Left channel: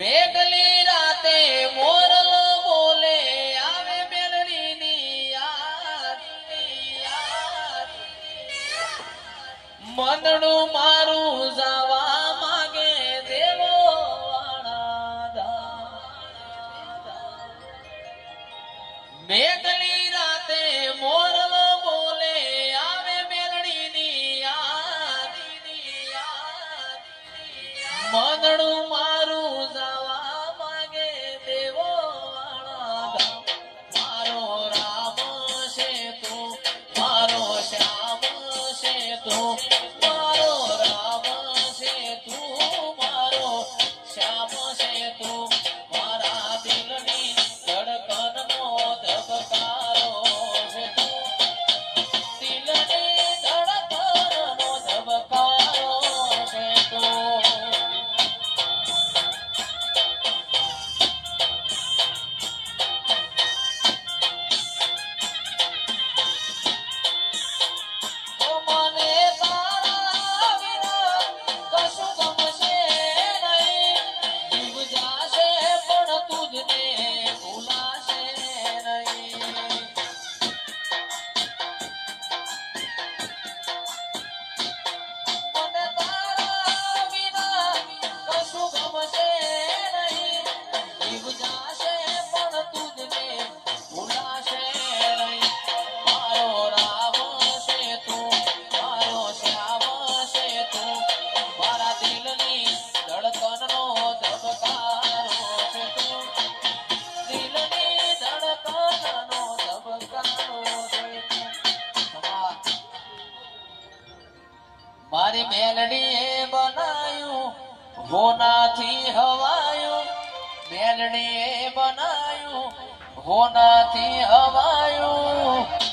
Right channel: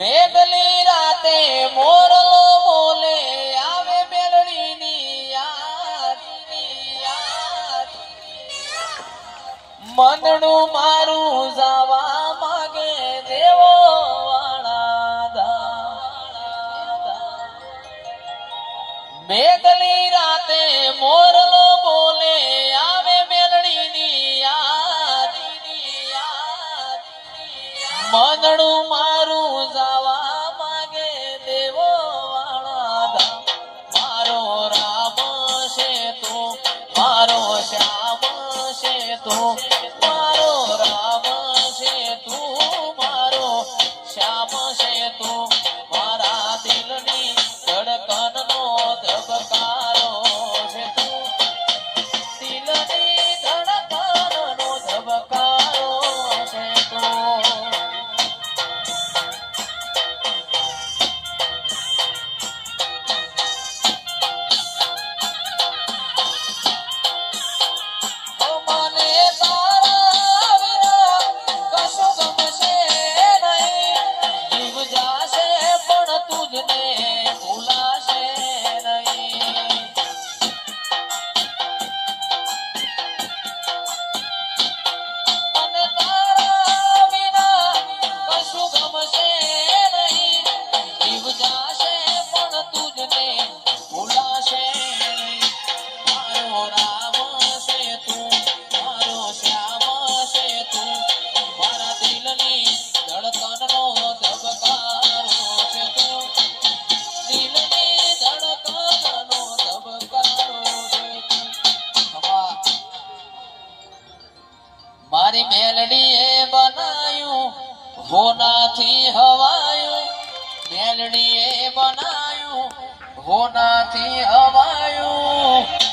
મેઘલી રાતે મોરલો બોલે આવે મેલડીની યાદ મનડું મારું જાવા માંગે દેવો વાળા મેઘલી રાતે મોરલો બોલે આવે મેલડીની યાદ મનડું મારું જાવા માંગે દેવો વાળા મારો રામ છે તું મારો શ્યામ છે તું મારો રામ છે તું મારો શ્યામ છે તું મારા દિલની ધડકનનો ધબકારો છે તું દિલની ધડકનનો ધબકારો છે તું મારી મેલડીએ બનાયું હોનાથી હવાયું મેલડીએ બનાયું હોનાથી હવાયું